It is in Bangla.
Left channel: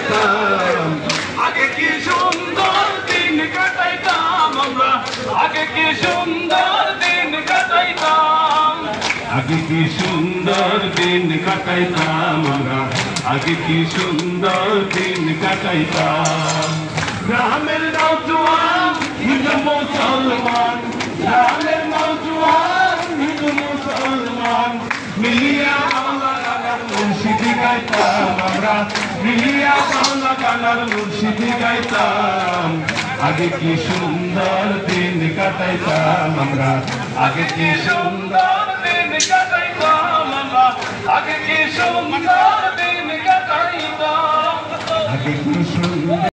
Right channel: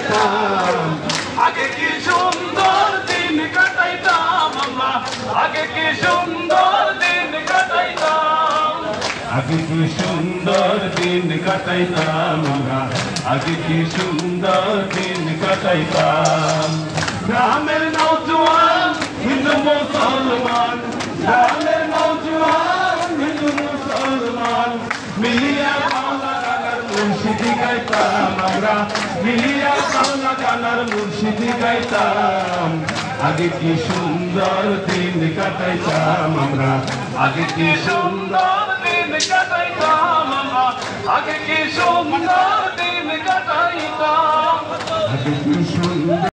কাটাইতাম আগে কি সুন্দর দিন কাটাইতাম আমরা আগে কি সুন্দর দিন কাটাইতাম আগে কি সুন্দর দিন কাটাইতাম আমরা আগে কি সুন্দর দিন কাটাইতাম গ্রামের নওজোয়ান হিন্দু মুসলমান গ্রামের নওজোয়ান হিন্দু মুসলমান মিলিয়া বাংলা গানার মুর্শিদি গাইতাম আমরা মিলিয়া বাংলা গানার মুর্শিদি গাইতাম আগে কি সুন্দর দিন কাটাইতাম আমরা আগে কি সুন্দর দিন কাটাইতাম আমরা আগে কি সুন্দর দিন কাটাইতাম আগে কি সুন্দর